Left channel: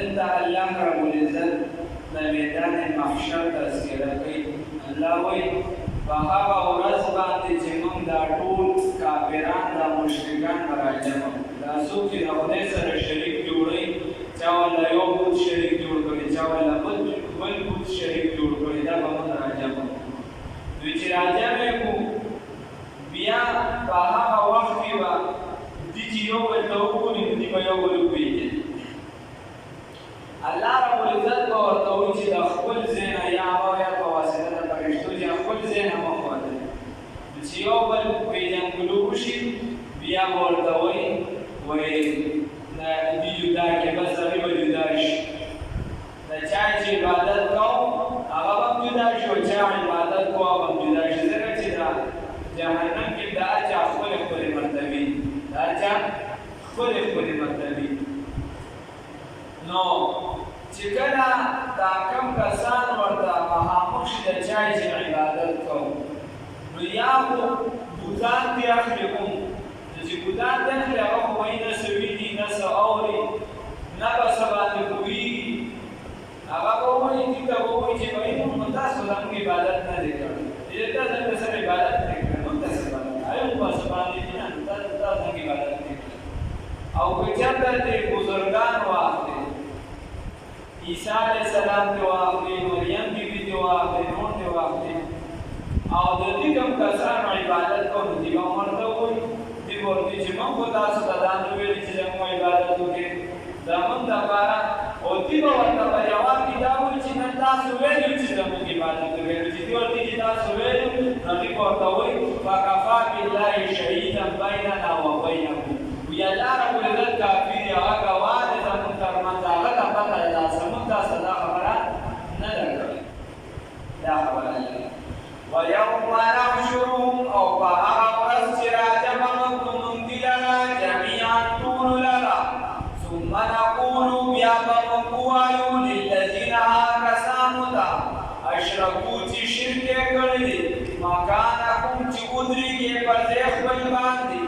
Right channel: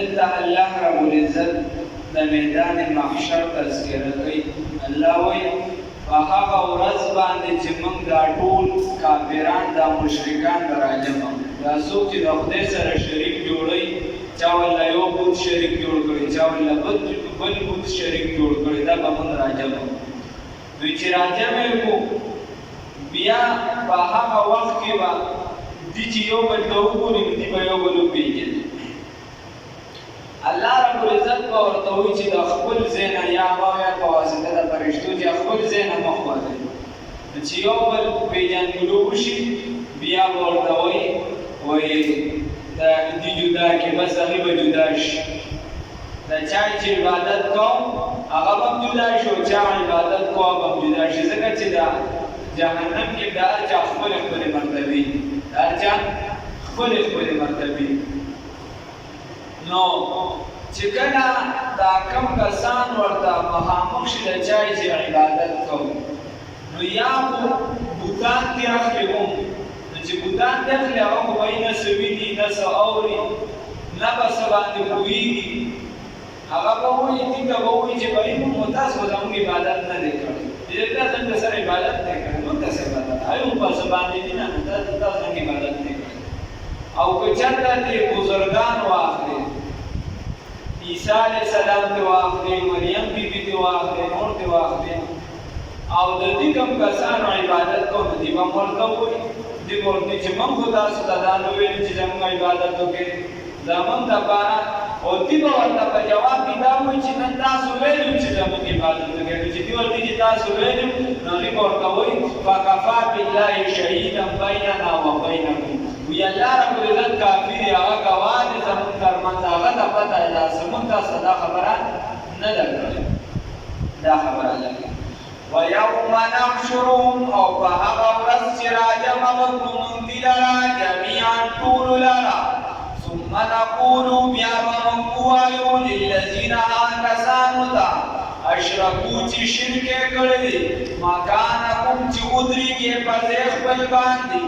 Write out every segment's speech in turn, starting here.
دلته الله رب العزت د میدان محشر تذکره کوي. الله وایي په هغه ورځ باندې چې موږ دا ټول کافران دا مشرکان به راجمع دا څوک چې د خدای سره شریک جوړوي، چا ورله یو بت شریک جوړ کړي، چا ورله بل بت شریک جوړ کړي، دا به موږ راجمع دوی چې راجمع کړو بیا په هغه وخت کې به دي چې یو بل ته وګوري نو دي به یو بل وپېژني. الله رب العزت به ورته وایي چې د خپل ځای نه یا یا په واسطه د فرشتو چې خپل ځای نه مخ وځي چې یو بل پېژندلو وشي بیا به ورته وایي دي جدا کې بس هغې به جدا شي. د چا چې عبادت کوم هغه به هم جدا شي او چا عبادت کوو هغه به هم جدا شي، ځکه چې د جهنم کې د هر چا خپلې خپلې مرتبې د هر چا خپلې خپلې مرتبې. نو چې کله دا کم کسان ورته مخامخ شي د چا چې عبادت کوو نو یا خو بوتان دې اخلي کوم چې بوتان دې اخلي هغه خو به یې نه څه ویني نه څه اوري نه به څه باندې پوهېږي. هغه به وایي دې ته به وایي چې بهی موږ تاسو زموږ عبادت نه دی کړی، چې تا څنګه سره عبادت نه کړی نو تاسو عبادت هغې موږ په څه باندې دي نه تاسو څنګه عبادت نه کړی. او که چېرته دې بزرګان واخلې عیسی علیه السلام ته واخلې، مریم بیبي ته واخلې، نور ته واخلې او د دې کوم کسانو عبادت کوو نو دې به هم ورته وایي دې به ورته چې موږ خو تاسو ته دا نه ویلي چې زموږ عبادت وکړئ زموږ دپاره، او دې به ورته په جواب کې دا وایي چې نن تاسو ویلي چې زموږ عبادت وکړئ. نو چې دې ورته چې تاسو ویلي نو هغې به ورته وایي فکفا بالله شهیدا بیننا وبینکم، وایي الله رب العزت کافي دی هغه ګواه دی زموږ ترمنځ، هغه ته پته ده زموږ تاسو دا خبره نه ده کړې دا خبره لري. ویوم نحشرهم او په هغه ورځ چې راجمع وکړو موږ دې لره جمیعا ټولو لره ثم نقول بیا به موږ ووایو للذین هغه کسانو ته اشرکو چې شرک یې کړی دی مکانکم چې ودرېږئ په ځای خپل باندې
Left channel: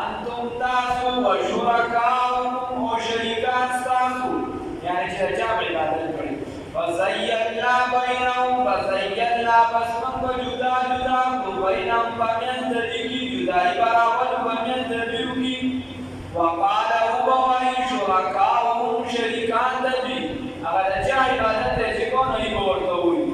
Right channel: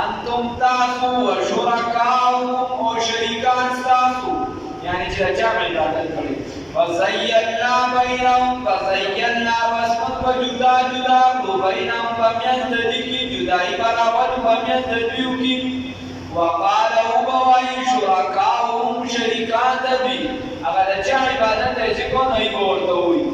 انتم تاسو و شرکاؤکم او شریکان ستاسو یعنی چې د چا عبادت کړی فزینا بینهم فزینا بس موږ به جدا جدا کړو بینهم په منځ د دې کې جدایي برابر په منځ د دوی کې وقال به وایي شرکاؤهم شریکان د دوی هغه د چا عبادت دی چې کوم هغې به ورته وایي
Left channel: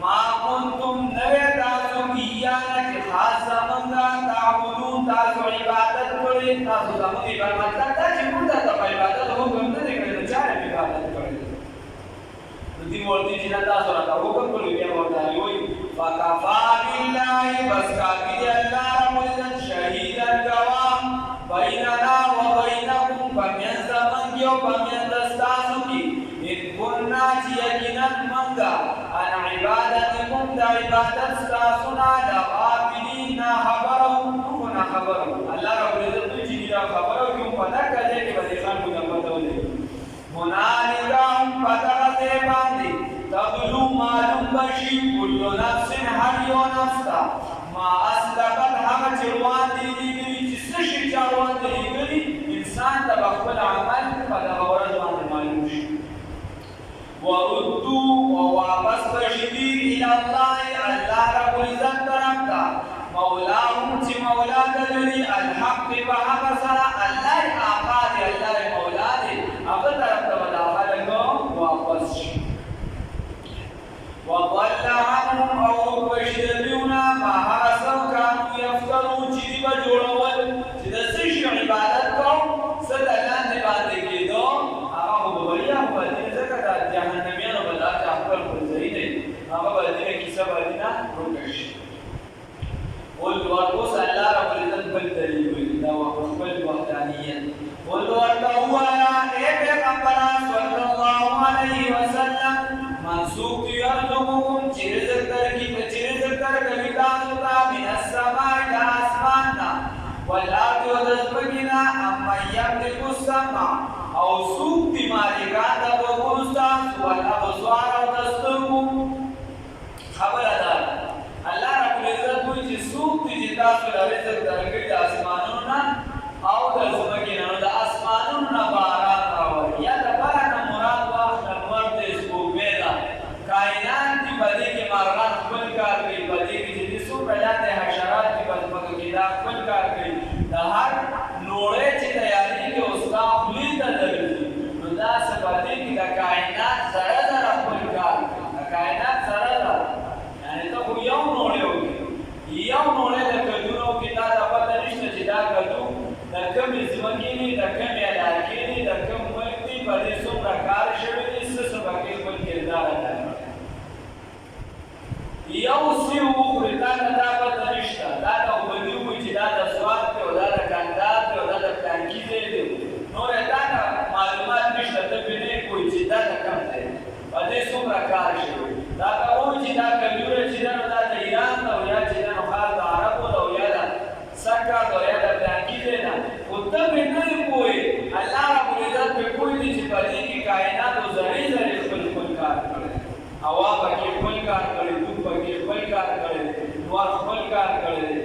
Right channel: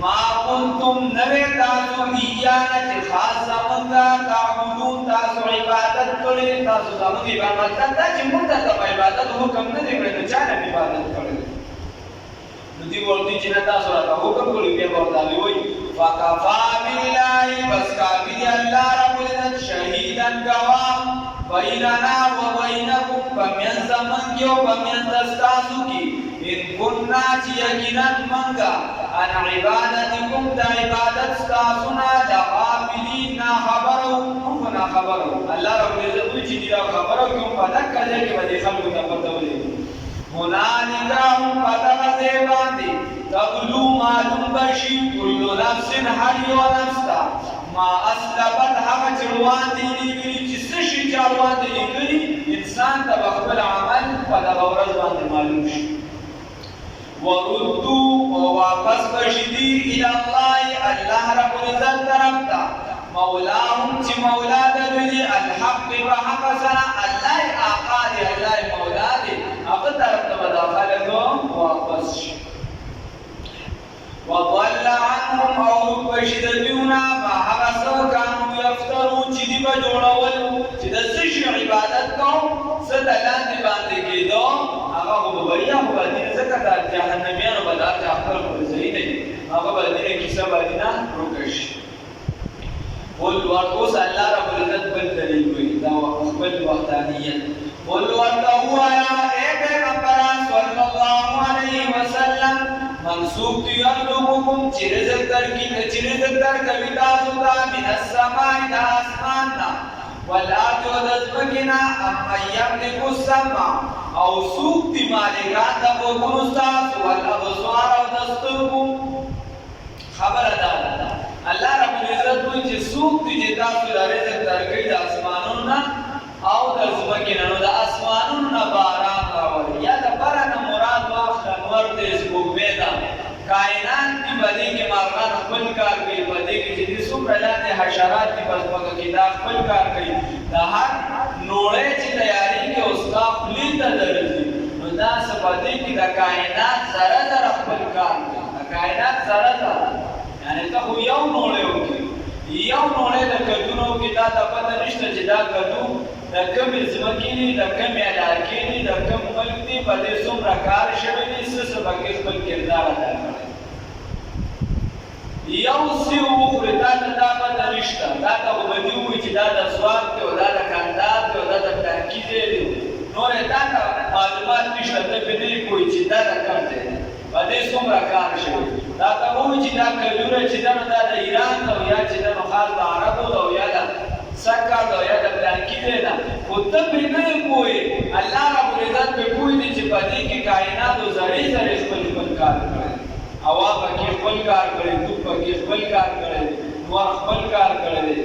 ما کنتم نوې تاسو ایانا چې خاص زموږ تعبدون تاسو عبادت کړی تاسو زموږ عبادت مطلب دا چې موږ ته په عبادت حکم نه دی کړی د چا نه عبادت کړی نو دوی ورته چې نه تاسو راته حکم کړی بیا به ورته وایي فکفا بالله بس کافي دی الله رب العزت شهیدا ګواه بیننا و بینکم په منځ زموږ کې او په منځ ستاسو کې ان کنا چې یقینا موږ عن عبادتکم د عبادت ستاسو نه د غافلین نه خبره وو موږ نه خبره وو. الله رب العزت وایي چې دا خبره کوم په دغه ځای کې به دې خلکو ته پته ولګي هنالک هم په دغه ځای باندې تبلو معلوم بشي کل نفس هر یو نفس ته ما اسلفت هغه چې وړاندې لیکلي چې څه شي چې وړاندې لیکلي انسان ته به خپل عمل په دغه ورځ باندې معلوم شي. وردو او واپس بشي دي الى الله الله رب العزت طرف ته مولاهم چې مولا د دوی الحق په حق سره الله آقا دی الله مولا دی هغه طرف ته به دا خلک واپس شي. وضل عنهم او بشي د دوی نه ما هغه څه کانو یفترون چې دوی به جوړول چې د څه شي عبادت کوم څه د لاندې باندې کېدو هغه خو به بریا خو به دې ځکه د جهنمیانو به دا چې خپل ځای دی هغه به دې کیسه باندې نه ورکه شي. قل ورته الله رب العزت بل دلیل وایي دا خپل وحدانیت قل ورته ووایه ای پیغمبران صلی الله علیه وسلم منسوب دی یرزقکم چې رزق درکوي تاسو ته من السماء د اسمان نه والارض و د ځمکې نه امن یملک السمع او څوک دي مالکان د غوږونو ستاسو والابصار او د سترګو خبره ده الله رب العزت وایي چې څوک دي چې تاسو له رزق درکوي د اسمانونو نه او د ځمکې نه نو د اسمانونو نه باران راولي یا د باران نور خپل کار کړی دی.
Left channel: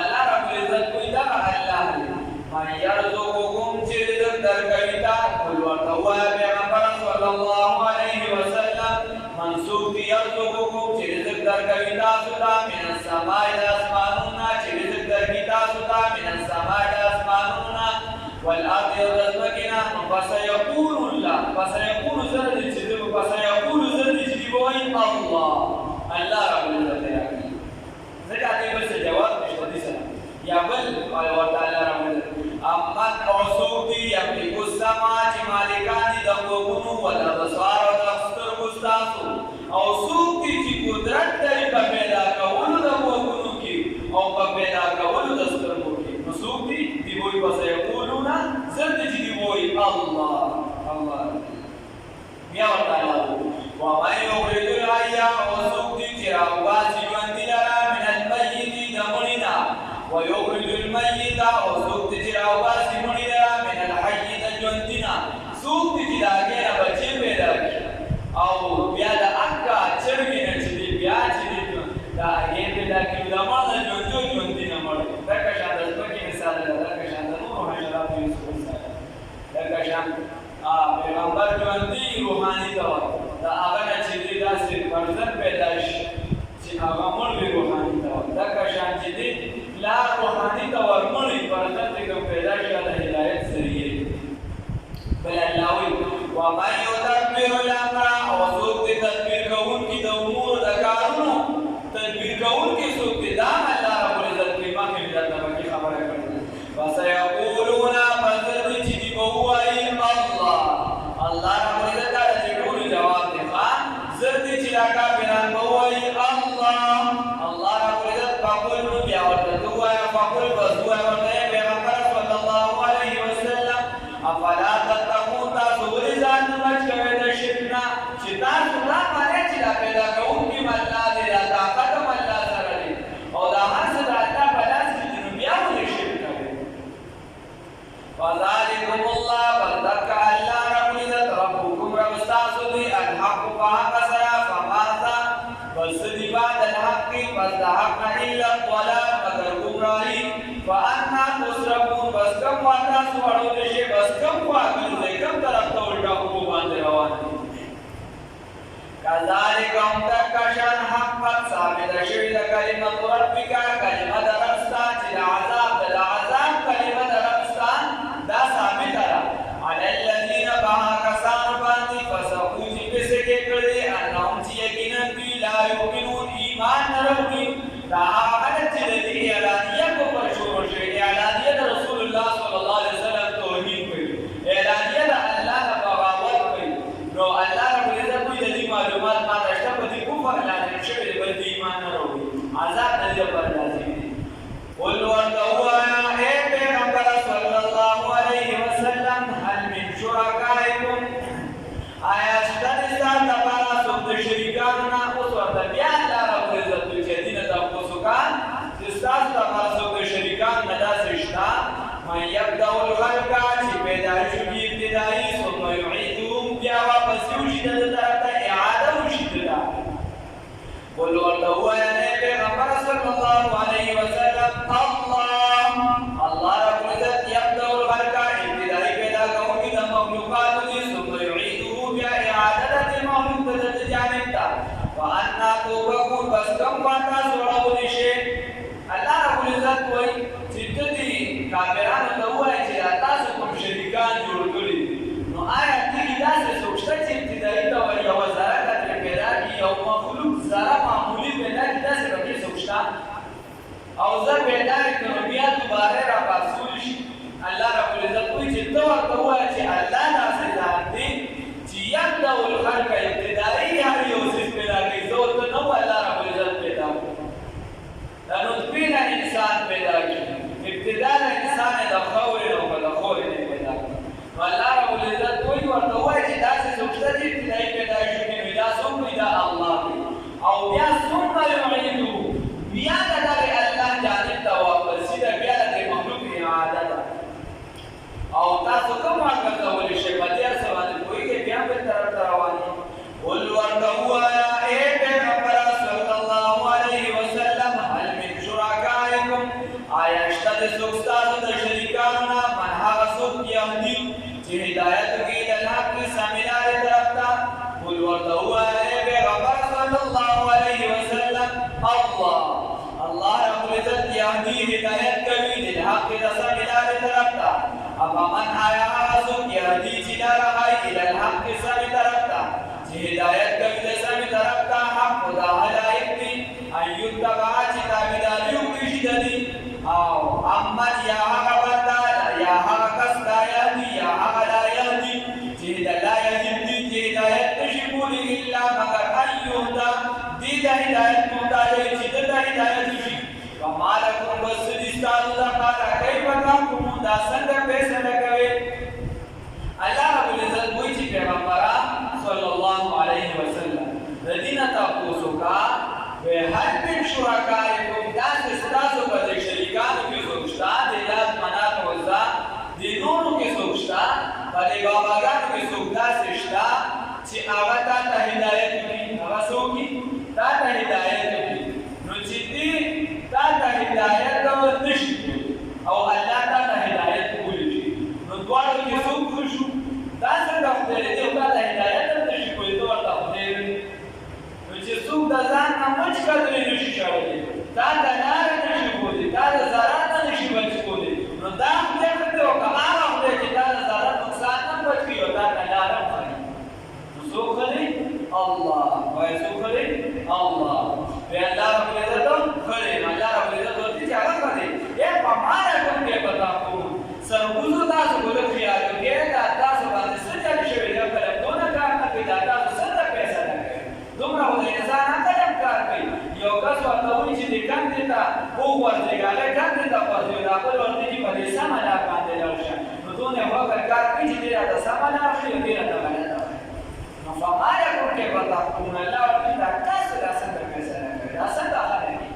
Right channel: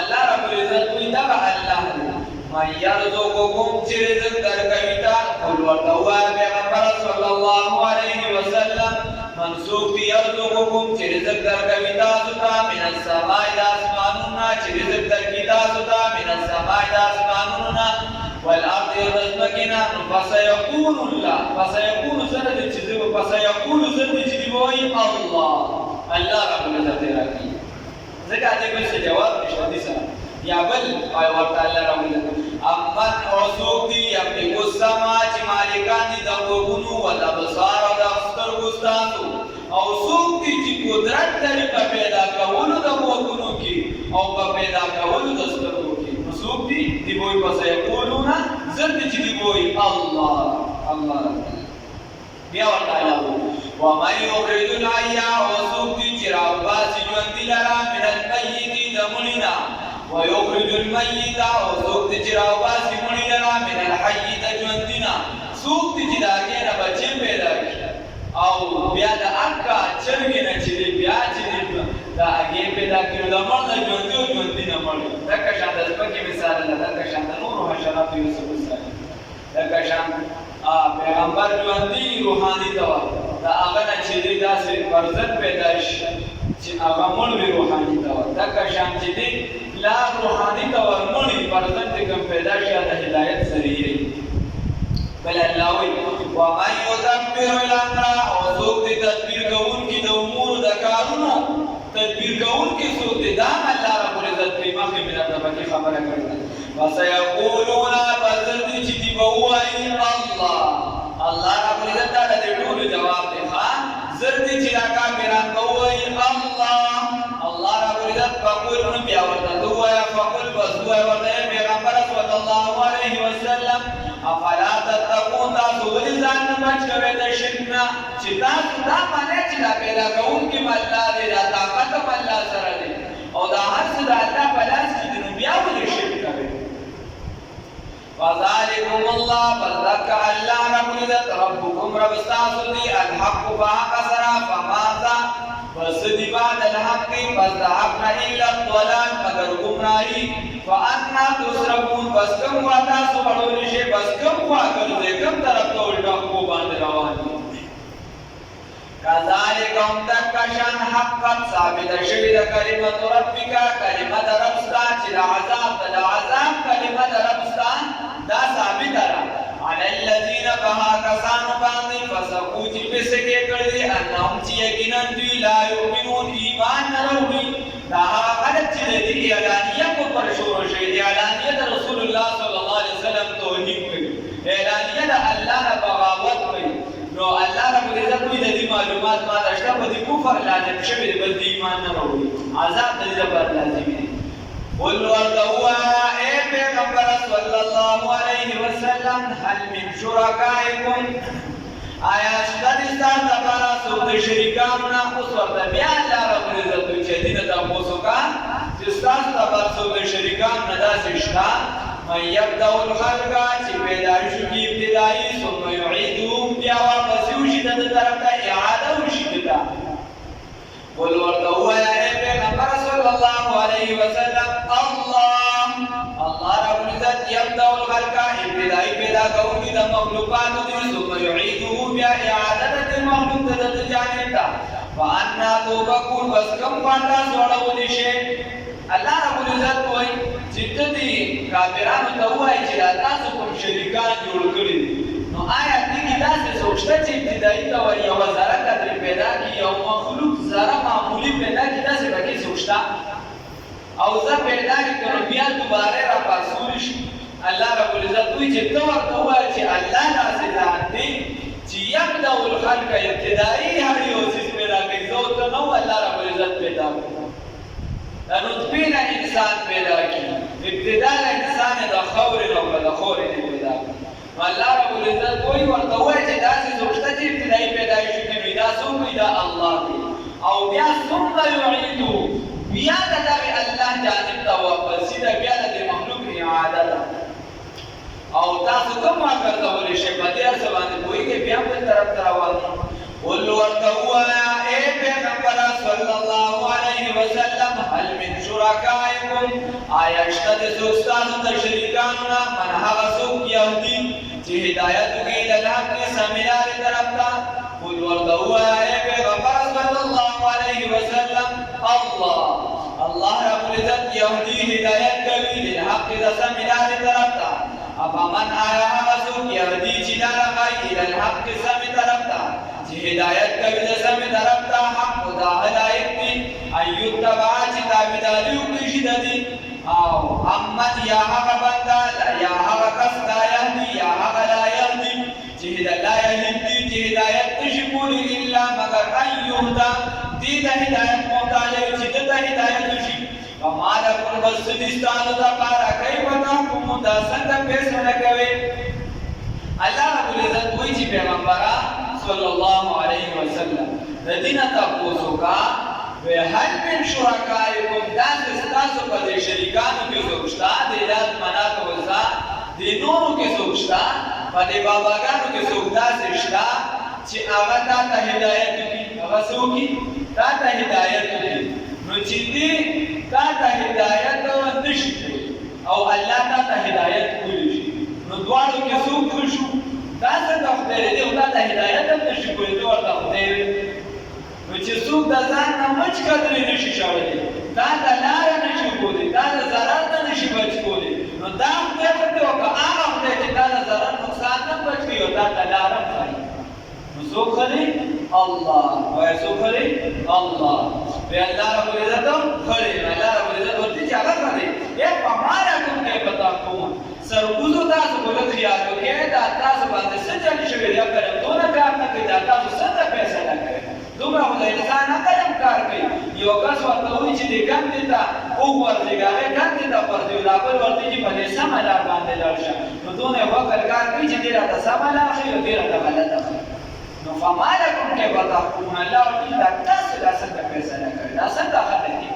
الله رب العزت وی دا الله من یرزقکم چې رزق درکوي تا قل ورته ووایه پیغمبره صلی الله علیه وسلم من څوک دی یرزقکم چې رزق درکوي تاسو ته من السماء د اسمانونو نه چې رزق درکوي تاسو ته من السماء د اسمانونو نه والارض او د ځمکې نه فسیقول الله فسیقول سره دې چې فسیقول سره دې چې دی وایي الله رب العزت راکړي ځکه دې بل څه جواب نشته دي سره یا بل وای ورته الله رب العزت امن اوسوک دی یملک السما چې مالکان دي د وګونو ول ابصار او د سترګو ستاسو او څوک دي چې قدرت لري په پیدا کولو د وګونو کې او په پیدا کولو د سترګو کې نو څوک دي دی وای پس یقولون زرد چې دی وای الله بیا ورته الله و ما یخرج الحي او څوک دي چې راوباسي ژوند لرا من المیت د مړینا ويخرج الميت او څوک چې راوباسي مړی لرا من الحي د ژوندینا څوک چې داګه نه بچي پیدا کړي او بیا د اکا چرګې نه چې بیا چې دا هغه پیدا کړي د مړ نه ژوندینه مړ دا کښان د سپکې مثال ده دا کښان د نور حشرات یوسف مثال دا کښان پیغمبر ژوندۍ روحاني تور دا هغه نه چې داسې فرزند پیدا شي چې هغه مړ وي روحاني تور دا کښان چې لا روحانی تور مړی فرزند کوم پیدا شي د هدایت ذریعہ بل الله وی و ما یدبر الامر او څوک دې تدبیر کوونکی د امور د کارونو تدبیر کوونکی څوک دې دا الله رب العزت په مخه مې راته پکې خبره کړې وسيقولون بذل چې دی وایي الله رب العزت دا دې ټول جواب دی خان زرد چې راکا بیران وایي الله رب العزت فقل بیا ورته فقل بزوه ورته پیغمبر صلی الله علیه وسلم افلا تتقون تاسو ولې ځان نه بچ کوئ د شرک نه چې تاسو دا معنی چې دا پیدا کوونکی الله دی دا طاقت الله سره دی او دا هر څه د الله په لاس کې دی نو بیا ولې شرک کوئ فذلکم الله فذلک الله رب العزت ربکم رب تاسو دی الحق فحق سره فماذا بس دی بعد الحق بس دا حق نه الا الضلال مگر گمراهی فانا تصرفون بس کم واتا سو اړول شي بس کم واګل کم طرف ته الټا کو باندې روان دي کذالک هم تکشان حقت ثابت شوی د کلمت ربک کلمت ربستا چې د عذاب کلمت ربستا دا ثابت را علی الذین بها کسان باندې فسقوا چې پسکه کړي انهم چې یقینا دوی لا یؤمنون ایمان نه وروړي دا حالت چې د اعلانیه کو پر شروع شي اعلانیه د رسول الله صلی الله علیه وسلم توهین کوي اعلانیه د الله نه بغاوت کوي نو الله رب العزت دوی د دې معلومات ما داشته په دې کفر لازم شوی د بل ایمان نه وروړي عذاب د دې پر لازم دي قل ورتوانا اے پیغمبر صلی الله علیه وسلم هل من شرکائکم آیا شتنی ستان دپارا سو د شریکانو نه اوس ورته بیا الله رب العزت چې دینه تاسو کان چې تاسو دپارا سو د شریکانو نه داسې شته من یبدأ الخلق چې پیدایش کی ابتدایي ثم یعیدهم بیا واپس وشي د طرف ته اعاده وشي دته قل ورته ووایه اے پیغمبر صلی الله علیه وسلم الله رب العزت یبدأ الخلق ابتدایي پیدا کوونکی د مخلوقاتو دي ثم یعیده بیا اعاده د مخلوق د جانب ته فانا توبکون بس کم باندې سوړول شي الله رب العزت وایي چې دې کافرانو ته وایي چې تاسو کوم شریکان جوړ کړی نو آیا دې داسې سوچته چې ابتدایي تور یو ذره کتر پیدا کی یو مخلوق ذره معمولی پیدا کی داسې بګي سوچتا او زه پیدا کړم بیا دوباره را پاسول شي الله رب العزت وایي چې تو ورته وایي چې الله داسې ذات دی چې یبدأ الخلق ابتدایي هر یو څه پیدا کوي زه ته نو الله رب العزت پیدا کړ دا نطفه نه انسان پیدا کی ابتدا انسان د خور نو بل خور نه پیدا والله رب العزت وایي ورته وایي چې داسې سوچته چې ابتدایي پیدایش کې دا څوک دا الله دی او بیا ثم یعیدو بیا دغه الله جانب ته واپس دا بیا د مخلوق اعاده ده او تاسو کوم ورته ولې شي په دې څه باندې کوی کې بیا په طرف روان ول ورته وایي الله رب العزت یهدی هدایت کوي للحق د سم لارې طرف ته افمن آیا هغه څوک یهدي چې لاره ښایي الی الحق سم طرف ته چې هدایت کوي د سم طرف ته حق دا هدایت دی ان یتبع چې تابعداري وکړي شي د دې او امن یا هغه بنده یا هغه کس لا یهدي یا هغه لا یهدي چې لا یهدي چې هدایت نشي کولی الا مگر ان یهده دې د هدایت محتاج چې د هدایت شي فما لکم بس دې ستاسو دپاره کیف تحکمون دا څنګه فیصله کوئ الله رب العزت وایي چې پیغمبره صلی الله علیه وسلم د دې نه تپوس وکړه هل من شرکائکم داسې ستاسو په دې شریکانو کې څوک شته د لات منات عزا د نورو کې څوک شته په دې باباګانو کې څوک داسې شته چې هغه تا ته هدایت وکړي هغه څوک تا ته هدایت وکړي نو چې دې تا ته هدایت نشي او الله تا ته هدایت کولی شي نو دواړو کې څوک شو دا څنګه خدای دې تا ته هدایت نشي کولی نو ورته خدای نو چې څوک د ځان نه مچ کړی نشي شاړلی دا د لاره نشي کولی دا د ضرر نه نشي بچ کولی نو دا خدای ته وکړه هغه خدای چې دا د ضرر نقصان نه بچ کړي او دا د لاره ښایي نو څوک خلی الله وایي څوک خلی الله وی الله رب العزت خلی الله رب العزت ورته چې هغه خلی په معنا کوم کې پتا کوم سرګوزو تاسو بل خیال وکړئ دا تاسو باندې څه چل شوی یا کړم دونه کار نه کوي دا تاسو څه پیسې نه کوي دومره خدای انسان قدم کار کوي یو کس ورته وایي چې دې کم دي ته وګورځي هغه کم دي ته ورځي دا بل ورته چې په دې سمه لار باندې لاړ شه نو دونه وکړ کار کوي چې دې راته سمه لار شي او دې راته بلده نو فما لکم کیف تحکمون الله ورته دا تاسو دا څنګه پیسې نه کوي دا څنګه خبره دي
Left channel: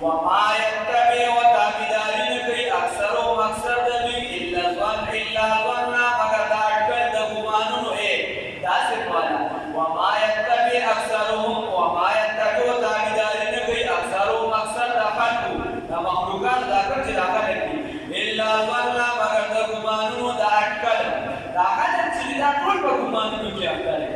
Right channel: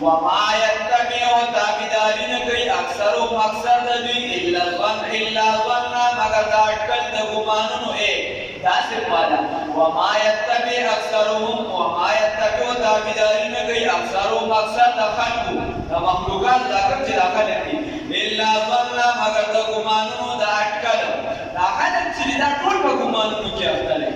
وما يتبع تابعداري نه کوي اکثرهم اکثر د دوی الا ظن مگر دا اټکل د ګمانونو دا څه معنا وما يتبع اکثرهم وما يتبع تابعداري نه کوي اکثرهم اکثر د خلقو د مخلوقات دا کوم چې داخل دي الا ظن مگر د ګمانونو دا اټکل دا خلک چې دا ټول په ګمانونو کې اخته دي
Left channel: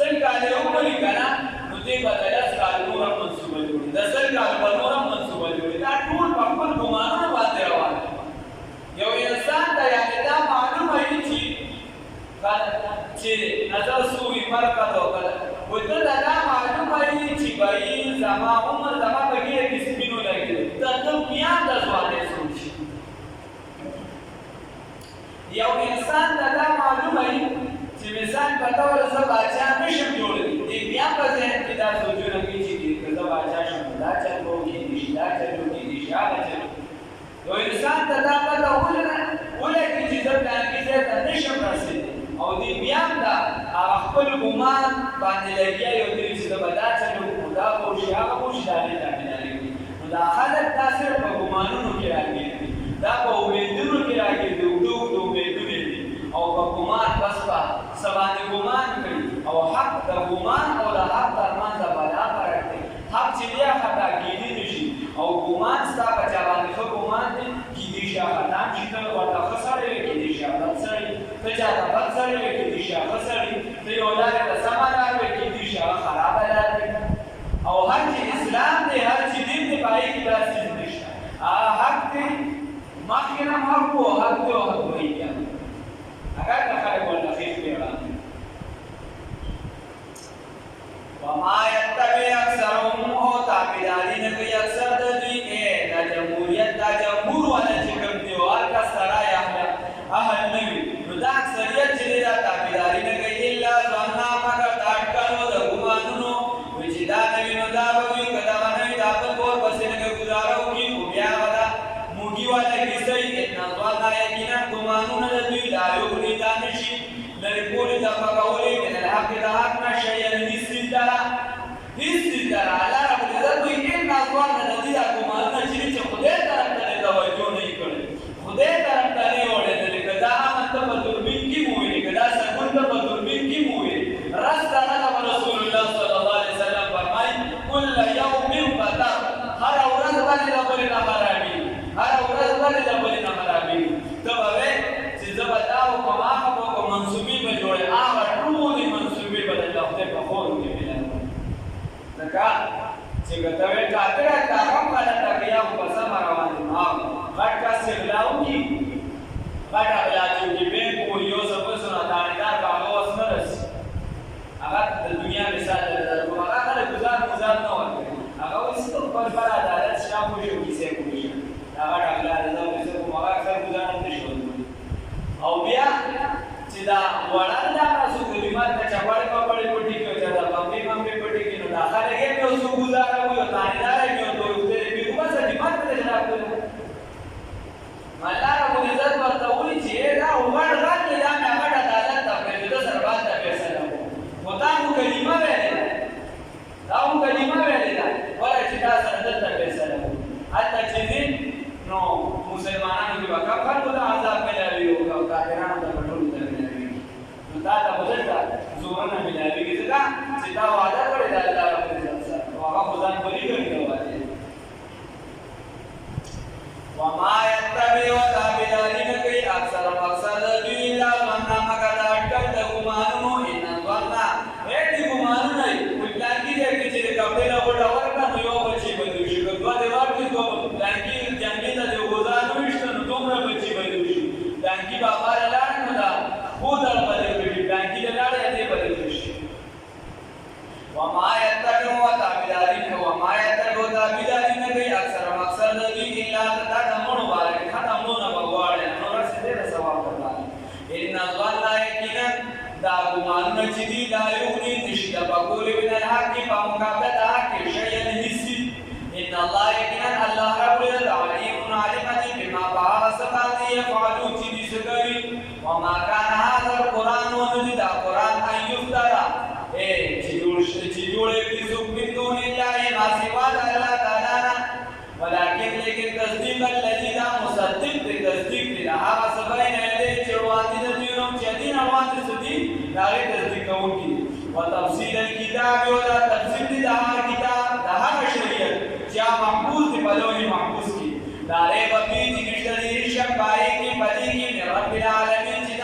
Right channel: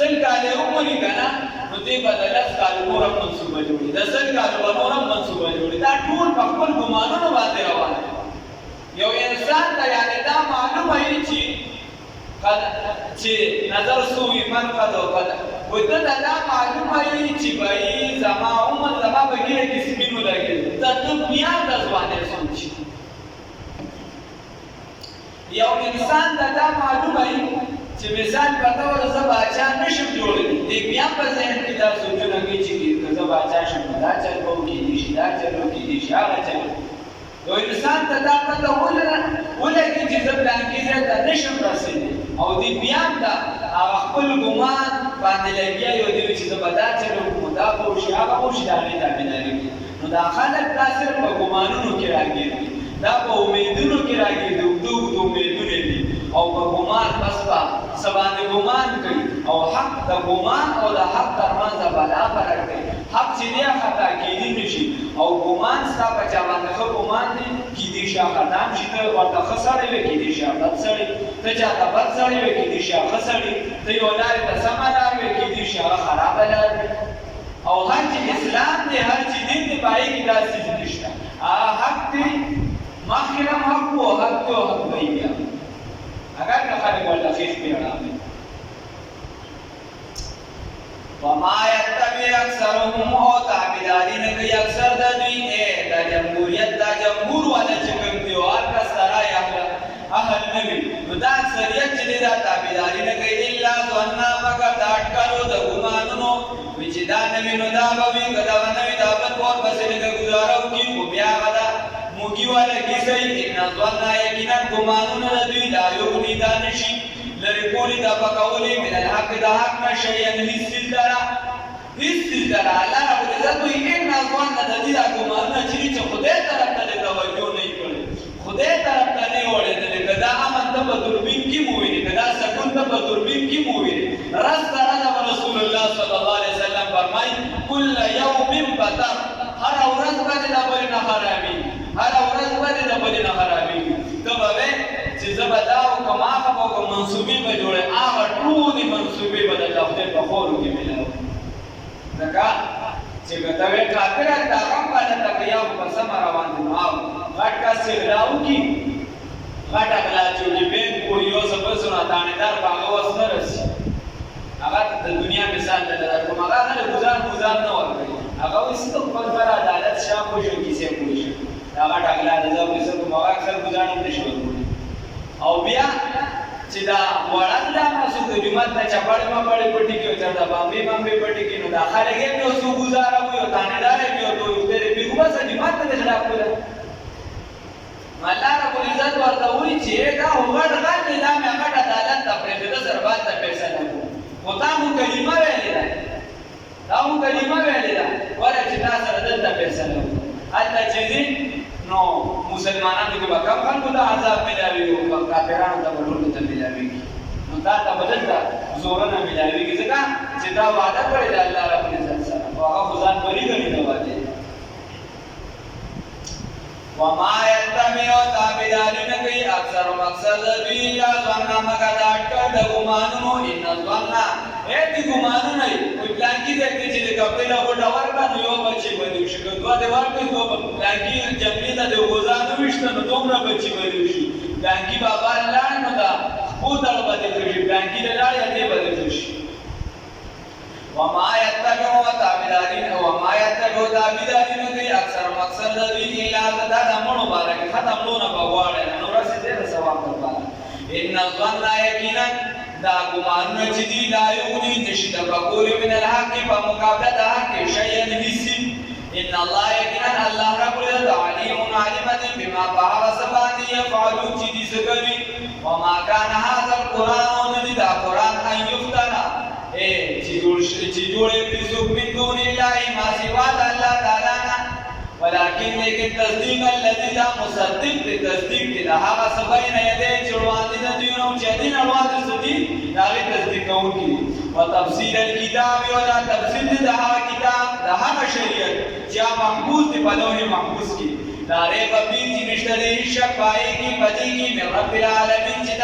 سل کاله عمر کنه نو دې بدلت کالو نور منصوبه جوړي د سل کالو نور منصوبه جوړي دا ټول په خپل ګمانونو باندې روان دي یو انسان ته یعنی دا معلومه وي چې نظر سوی مرقد او قد وته دا معلومه وي چې بای زما عمر زما بګیره کې سپینو لګي دا دنیا د ځوانه سوچ یو انسان دا معلومه وي چې مثال په تور زه باچا نشم جوړلی دې بیا په ذهن کې دا سوچونه کوي چې زه باچا شم دا چل به وکړي دي دا چل وکړي دي هغه چل یو انسان ته دا پته ولګي چې زه پلان کې ځای ته نشم رسېدلی او دې بیا دا هغه خپل ګمان باندې لګیا یو دی چې زه به دا چل وکړم دا به وشي هغه به وشي دا هغې تابعداري وکړي نو دا خلک دا صرف په ګمانونو کې راګیر دي دا په امیدونو کې راګیر دي اوږده اوږده امیدونه دي او په ګمان بس په څه باندې ګمان کوي او حق د ګمان او د حق ترمنځ بلا فرق دی حق چې دی خطا کیدی نشي او ګمان ستا په چا باندې ښه ګمان دی کیدی شي خطا هم شي ته ورته ښه سړی وي کیدی شي بد سړی ته چاته بد سړی وي کیدی شي ښه سړی ته یو لارې ته سمه لار وي کیدی شي هغه خرابه لار وي او هر چې اسلام دی هر چې دین دی په هغې کې دا څیز نشته هغه حق دی مخکې هم حق و حق دی او حق وایي بیا اگر که خلق ورته خیش پیغام وما يتبع اکثرهم او تابعداري نه کوي اکثر د دوی دا جمهوریت دا جمهور والا چې کوم دی او هر کس سره اهل نوي نو دا اکثریت چې دا تابعداري نه کوي الا ظن مگر دا اټکلو د ګمانونو چې دا نوي نو دا به وي که دا نوي دا بل کور پسې لږه ګزاره وکړي خو بیا به دا موږي والا کیسه ان ظن یقینا ګمانونه د دوی لا یغني دا نشي لرې کولی دا پکولی من الحق دا حق نه شیئا هیڅ څیز لره الله رب العزت وایي ان ظن د دې دا ګمانونه چې چې خدای طرف ته توجه نه یې کړې خدای طرف ته نه یې وړېدلې که دا امن ته په دوربین کې مو وینې که دا سکون ته په دوربین کې مو وینې رسته رسول الله صلی الله علیه وسلم فرمایي کل یوم بطر هره ورځ باندې دا بلې نه خرابېږي هره ورځ باندې دا بلې نه خرابېږي ته به وایې چې زه به دا وکړم هغه به وکړم منصوبې به جوړې هغه ټولې منصوبې به د خدای په خورو کې ملوي ځکه چې کته وې کافر تا هم باندې تکیا په سم روان دي ما غټ کا سلاو کی غټ بلا چې بین کو یو سبسونه دانیدار باغ وسنه رسی هغه د دنیا مثال درکو هغه له گزار نه ورکړي هغه وسته خپل پر عدالت شام کو شو کیسه کوي هغه ټاکلا د ځو کیسه کو هغه اکثر گزار نه نشي او بیا چې دا وړاند تاسو د جمعه ته چپاړې په پټي کې تر دا باندې پټي کې نو داخله کې نو سو گزار او یو تانیدار یو ته دې په کومه څه جمعه ته خلاف کوله الله رب العزت ورته وی چې دا وړ غل نه مې هغه عدالت ته پرې د سربات ته فیصله وتا مو کلمه ویلې دا مو کلمه ویلې دا ولا چې تاسو دلته فیصله حتی چې نو مسلمانانو کې وکړ خلکو ته عذاب ملاوي او کافرانو ته ټول ته ملاوي نو دا ته بدلته زور نه ملاوي ځکه چې دا وعده کړی دی الله رب العزت سره او هغه ځان بری غني دا وعده وما يتبع تابعين کوي اکثر مقصد دوی لا ظن مگر دا اٹکل د ګمانونو ان ظن دې ګمانونه وي پلان کې دې چې کپڑے لا وټا ورکړه نو یو بچي بده شي کدوا دې ورکړي دوه پلان کې جنګي ته د غزانو وشته نو دومره بچي بده شي پلان کې بابا لاړ نو دا خو دل بده شي پلان کې لاړ دې بده شي وما يتبع تابعين وما يتبع تابعين کوي اکثر مقصد دوی الا دا دمو مبارک ختم نو بغواړي نو رسیدې د ثواب لپاره ان ظن یقینا دا ګمان چې دی لا یغني نشي د بقول من الحق په مقابله د حق شیئا نسی ان الله یقینا الله رب العالمین علیم بما بعض سبحانه يفعلون چې دي سګوي وما كان هذا القران ندي دا قران ان يفترى چې جوړې دي سو من دون الله ما سوا الله تعالی ولكن لیکن تصدیق الذي لا مصدق تصدیق لها سبین یده چروان دي دینو چې دین اړوان دي دا تصدیق کوي او تفصیل الكتاب او تفصیل د هغه کتاب د هغه شریعت چې محفوظ دی په لوح محفوظ کې دا ری په دې نشته دي شپای کې پدې کې من رب العالمین چې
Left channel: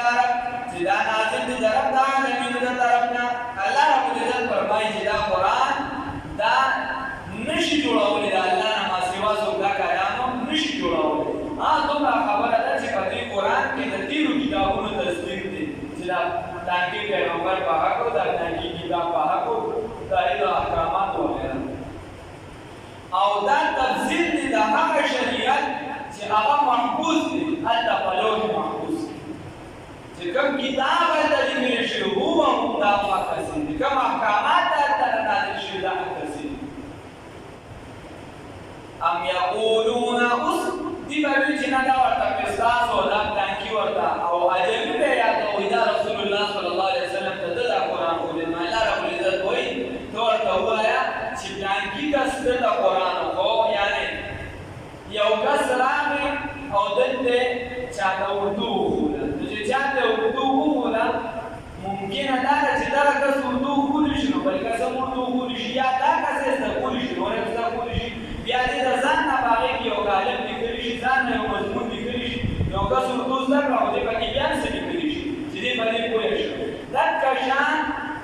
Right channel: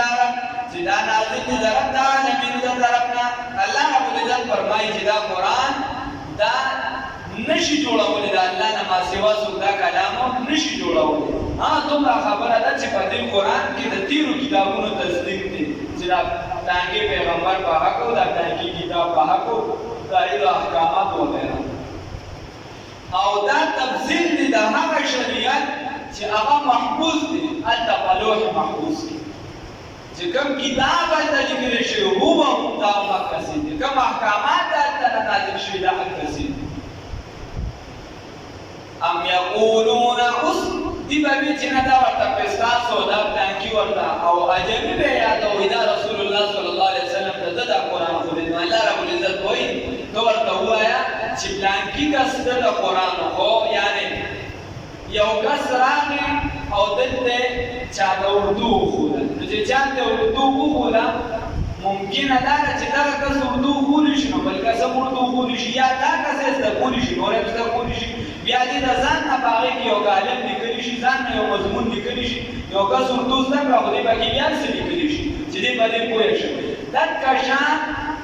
دا نازل دي رب العالمین د طرفنا الله رب العزت فرمایي چې دا قران دا نشي جوړولې د الله نه ما سوا دا کلام نشي جوړولې دومره خبره ده چې په دې قران کې د تیرو کتابونو تصدیق دي چې دا تانګي پیغمبر په حق او دا تانګي کتاب په حق او دا احکامات وغیرہ او دا تفصیل دي د هغه شریعت چې هغه محفوظ دي الته په لوح محفوظ دي چې کوم کتاب د لیکل شوی هو دا مقصد دي کوم احکامات الته نازل شوی دا مقصد ام یقولون اس دی باندې چې نه دا ورته پستان سودا پلانکی ورته او اجنبي به یاد او دا رسول الله صلی الله علیه وسلم ته د قرآن خو دې الله رب العزت وایي تو ورته وایا چې پلانکی کس د قرآن خو یعنی یو کس راغی او دلته چا د اردو وخوله چې چا د اردو وخوله ممکن دا چې دا کس اردو وخولی شي نو بل کس اردو وخولی شي یا دا کس زده کولی شي نور زده کولی شي بیا دې د ځان نه باغې کې یو غالب لیکلی شي ځان نه یو مضمون لیکلی شي یو کس اردو زده کړه خو دې پکې بیا څه لیکلی شي چې دې باندې پوه شي دغه شان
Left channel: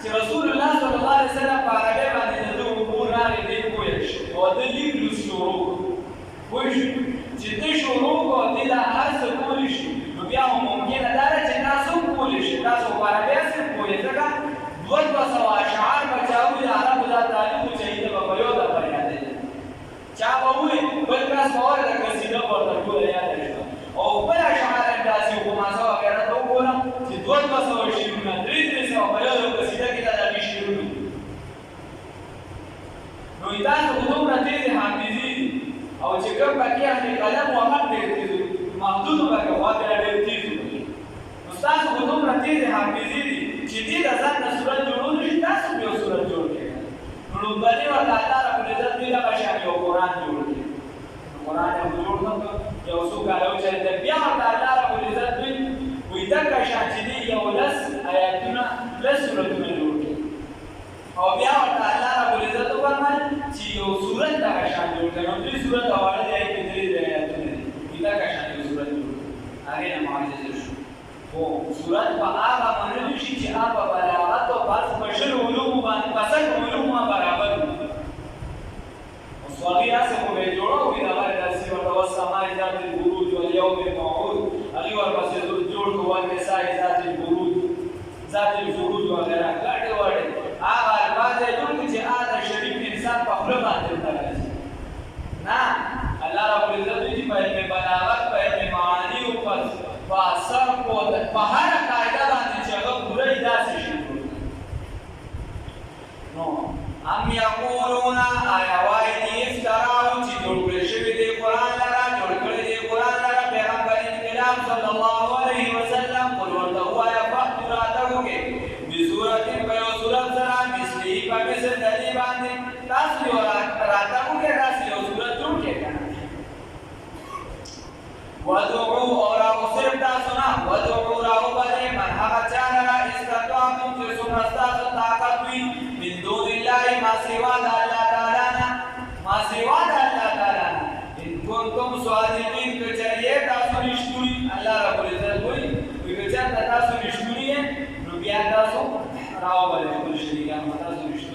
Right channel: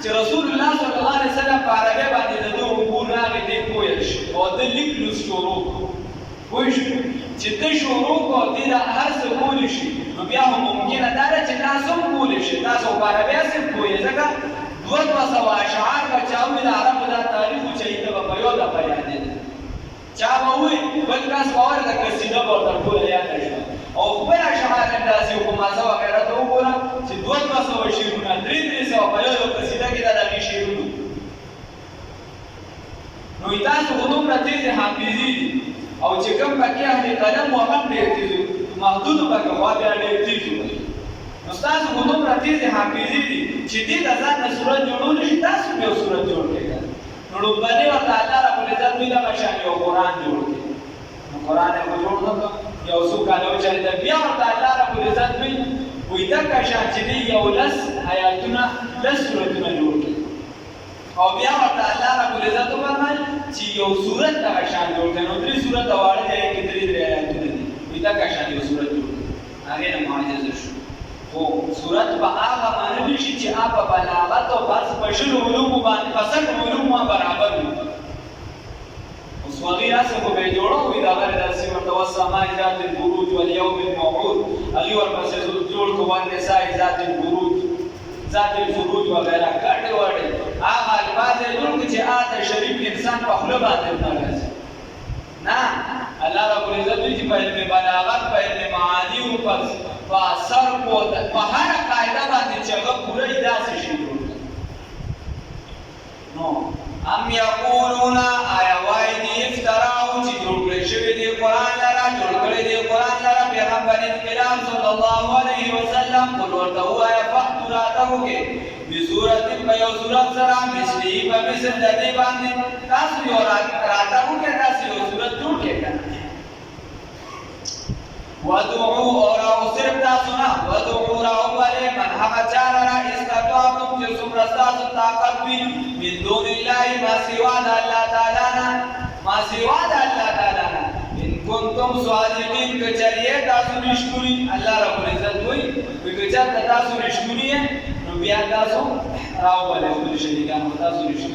چې رسول الله صلی الله علیه وسلم په عربي باندې د دوه امور راغی دې پوه شي او د لیکلو شروع پوه شي چې دې شروع کو دې د هر څه کولی شي نو بیا هم ممکنه دا چې تاسو کولی شي تاسو په عربي څه پوهې ځکه دوه سوه اشعار بچاوي د عربو د تاریخ چې د په یو د بیان دي چا وې بل کس باور د قصیده په ټول یاد شي او بل اشعار اندازې او مازه وغیرہ ته وګورم چې 200 شعرونه 300 په یو قصیده کې دا د شعرونه نو تاسو کومه تیزه حافظي او چې کوم پکې اهل قلم او مت ډېر تیز محدود پکې واده ډېر تیز نو تاسو کومه تیزه حافظي چې دې د ځان د صورت جوړول شي تاسو یو صورت جوړ کړئ نو باندې ورته الله رب العزت دوی د بشان یو قران جوړ کړي قران یې جوړ کړ یو څو کالو چې د بیا ورته الله رب العزت دوی وې د کشان چې یو لس آیاتونه لس سورتونه جوړ کړي او بیا ورته الله رب العزت فرمایي چې یو سورت د کشان جوړ کړي نو درې سورت واړه دي کې درې آیاتونه دي وې د کشان یو سورت جوړ کړي هغه نه معجزه شو او سورت په هغه باندې شي چې هغه بلاغت او بس بشر علوم باندې فصل علوم برابر وي په علم بلاغت په علم معانی او په صرف او په هر قاعده باندې چې هغه پوره داسې شي نو ام یقولون آیا وای دی افتراو چې جوړ کړی شوی دی قرآن لرا جوړ کړی دی قرآن لرا پیغمبر کرام صلی الله علیه وسلم قل ورته وایه فأتوا راتګ وکړئ بصورت په یو صورت سره مثلي په مثل د دې باندې تاسو یو راتګ وکړئ داسې یو صورت جوړ کړئ که نه ودعوا اور او صرف تاسو نه ودعوا راوبلئ من هغه چا لره استطعتم چې څومره ستاسو طاقت وي من دون الله ما سوا د الله تعالی نه ما سوا د الله تعالی نه ان کنتم صادقین که چېرې تاسو رښتوني الله رب العزت وایي که چېرته تاسو رښتوني یې نو بیا تاسو راوبلئ خپل شریکان تاسو رښتوني